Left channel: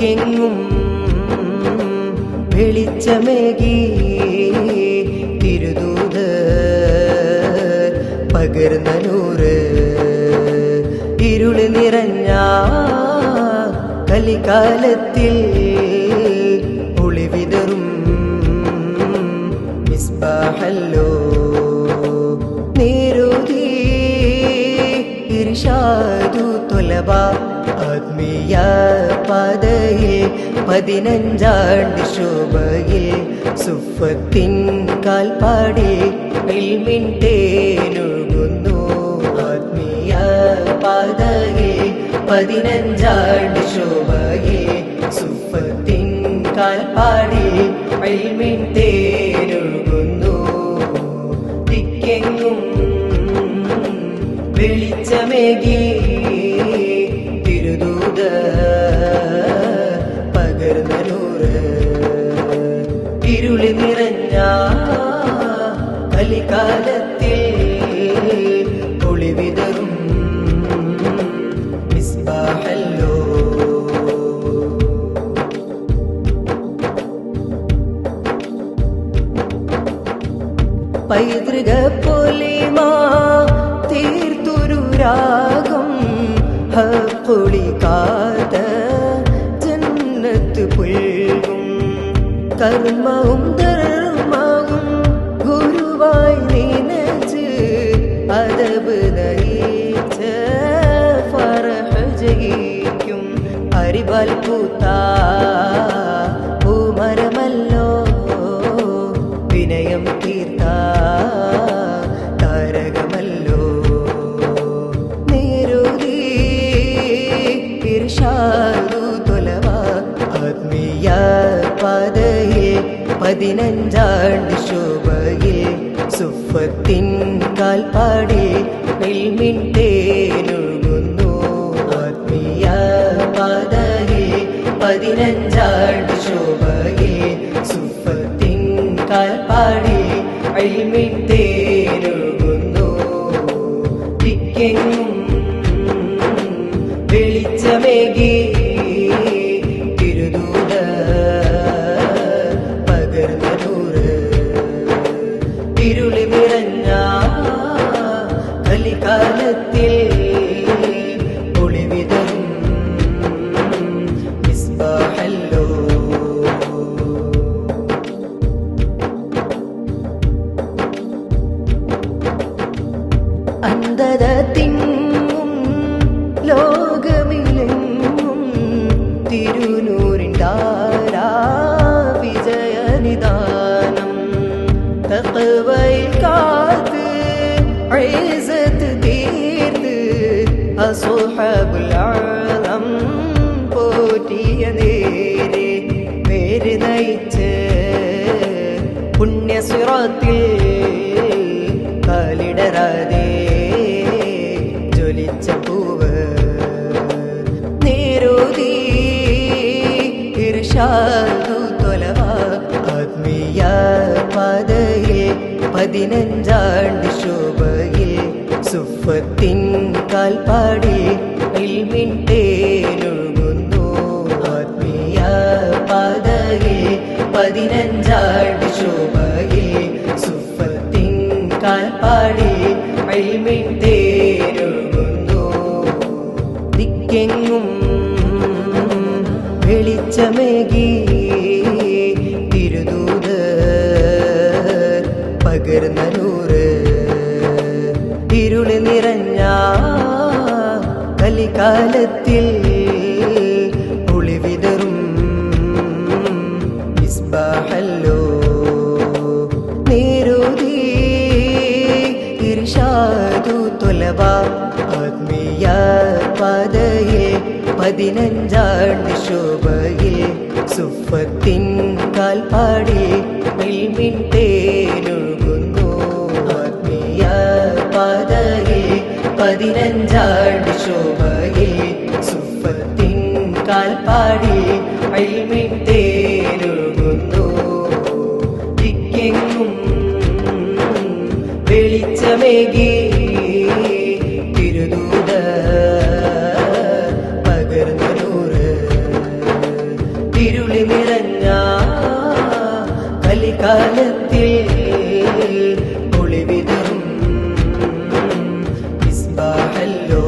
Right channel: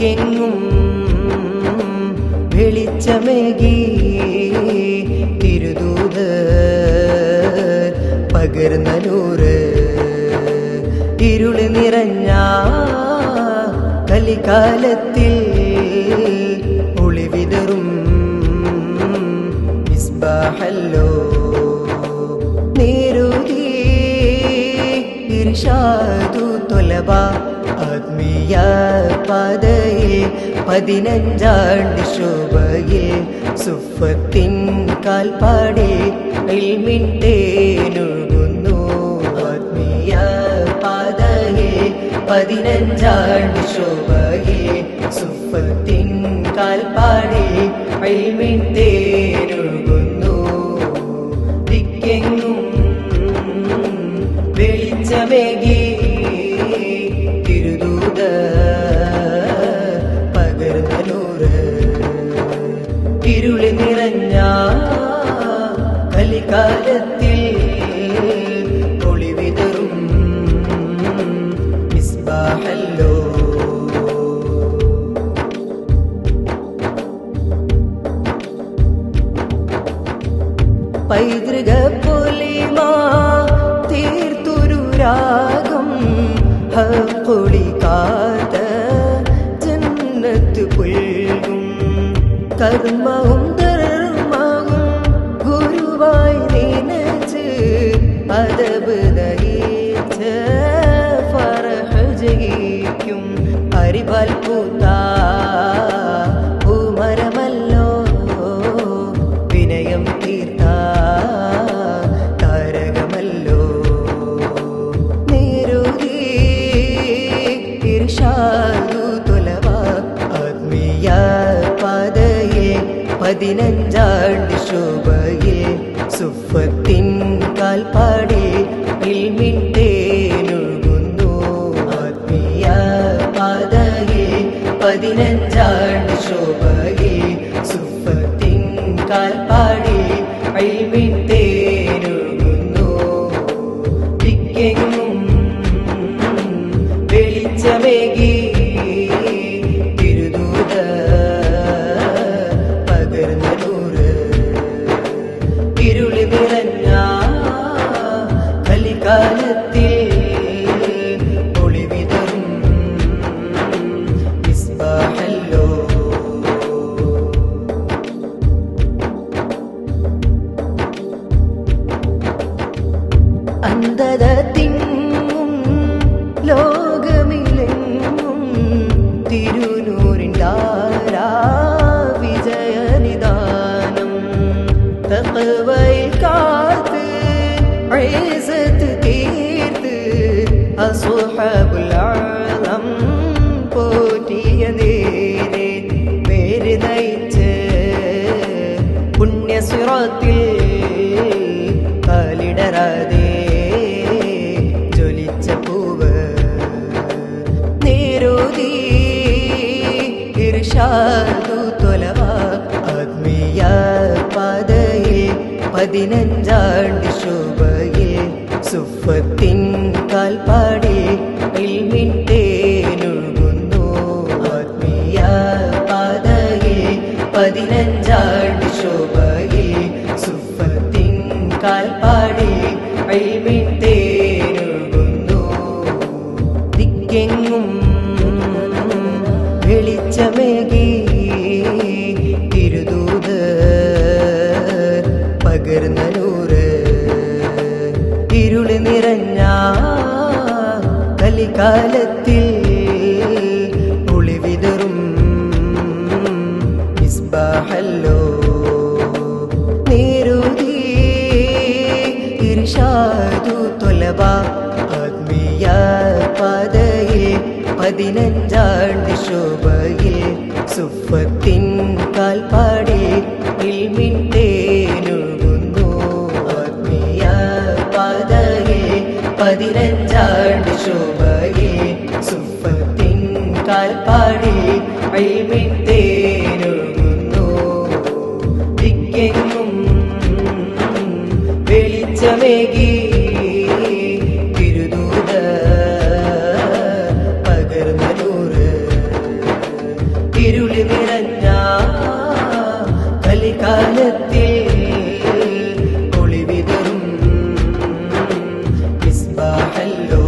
ദിക്കെങ്ങും വെളിച്ചമേകി തിരുദൂതർ പകർന്ന നൂറ് ഇരുള് നിറഞ്ഞ കലികാലത്തിൽ ഒളിവിതറും മിസ്ബാഹല്ലോ നേരുതി ഇർഷാദു തൊലബ ആത്മീയ പാതയിൽ 15 ശോഭയിൽ സുഫത്തിൻ കാൽപ്പാടിൽ ഇൽമിൻ തേനൊഴുകുന്നു ആത്മീയ പാതയിൽ 15 ശോഭയിൽ സുഫത്തിൻ കാൽപ്പാടിൽ ഇൽമിൻ തേനൊഴുകുന്നു ദിക്കെങ്ങും വെളിച്ചമേകി പകർന്ന നൂറ് ഇരുളി നിറഞ്ഞ കലികാലത്തിൽ ഒളിവിതറും മിസ്ബാഹല്ലോ പൈതൃക പൊലിമാ തീർത്തൊരു രാഗം ഹൊളിക്കാത്ത ജന്നത്ത് പുൽകും കർമ്മവും ധർമ്മവും ഗുരുവായി നിനച്ച് അദബ് നയിച്ച ഫറഹ് ജയിക്കും അരിവാൽ പൂത്ത പൂമരമല്ലോ വിനയം തീർത്ത താരകമല്ലോ ഇർഷാദു തൊലവ ആത്മീയ പാതയിൽ 15 ശോഭയിൽ സുഫത്തിൻ കാൽപ്പാടിൽ ഇൽമിൻ തേനൊഴുകുന്നു ആത്മീയ പാതയിൽ 15 ശോഭയിൽ സുഫത്തിൻ കാൽപ്പാടിൽ ഇൽമിൻ തേനൊഴുകുന്നു ദിക്കെങ്ങും വെളിച്ചമേകി തിരുദൂത പകർന്ന നൂറ് ഇരുളി നിറഞ്ഞ കലികാലത്തിൽ ഒളിവിതറും മിസ്ബാഹല്ലോ അന്ധത തിങ്ങും ലോകമിലെങ്ങും തിരുനൂറിൻ ധാരാ വിജയനിദാനം തഖ്വയിൽ കാത്ത് ഇസ്സത്ത് തീർത്ത് അസ്ഹാബുൽ അളം പോറ്റിയ നേരെ പേര് നയിച്ച് പുണ്യസിറാത്തിൽ കാലിടരാതെ ജ്വലിച്ച പൂവ് നേരോതി ഇർഷാദു തൊലവ ആത്മീയ പാതയിൽ 15 ശോഭയിൽ സുഫത്തിൻ കാൽപ്പാടിൽ ഇൽമിൻ തേനൊഴുകുന്നു ആത്മീയ പാതയിൽ 15 ശോഭയിൽ സുഫത്തിൻ കാൽപ്പാടിൽ ഇൽമിൻ തേനൊഴുകുന്നു ദിക്കെങ്ങും വെളിച്ചമേകി തിരുദൂതർ പകർന്ന നൂറ് ഇരുള് നിറഞ്ഞ കലികാലത്തിൽ ഒളിവിതറും മിസ്ബാഹല്ലോ നേരുതി ഇർഷാദു തൊലബ ആത്മീയ പാതയിൽ 15 ശോഭയിൽ സുഫത്തിൻ കാൽപ്പാടിൽ ഇൽമിൻ തേനൊഴുകുന്നു ആത്മീയ പാതയിൽ 15 ശോഭയിൽ സുഫത്തിൻ കാൽപ്പാടിൽ ഇൽമിൻ തേനൊഴുകുന്നു ദിക്കെങ്ങും വെളിച്ചമേകി തിരുദൂത പകർന്ന നൂറ് കലികാലത്തിൽ ഒളിവിതറും മിസ്ബാഹല്ലോ